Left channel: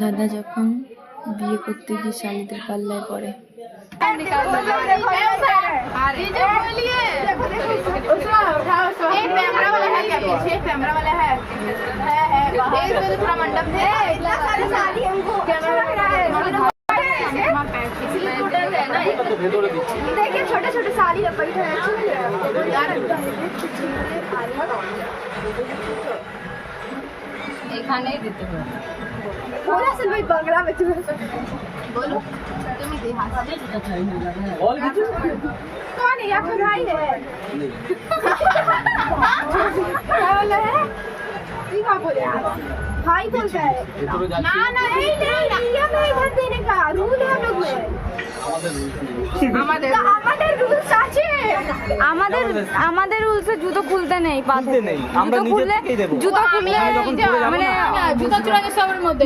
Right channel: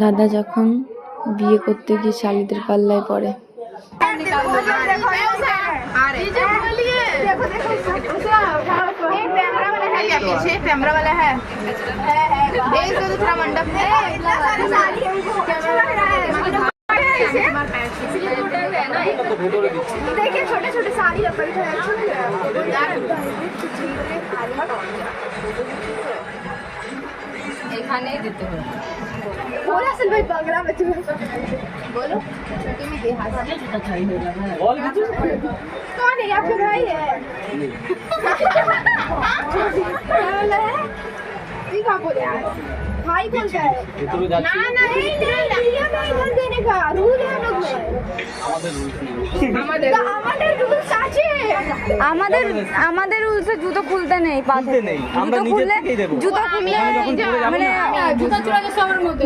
দাদা যখন বিয়ে করতে গিয়ে শালিদের পাল্লায় পড়ে। देखिए छोटे छोटे साड़ी अपन को এখানেই দিতে হবে। पूरा सिल भाई बंगला में तुम्हें बोलो तुम्हें बिहार से कौन है आपके भाई है क्या बोला है ये क्या बोल रहा है भाई बोल रहा है ना ना नहीं नियम है इधर देने का रूल है हम लोग में আমাদের রুলস আছে আমাদের রুলসে জুতো খুলতে নেই, পা থেকে জুতো খুললে মানে জুতো চুরানি সবার মধ্যে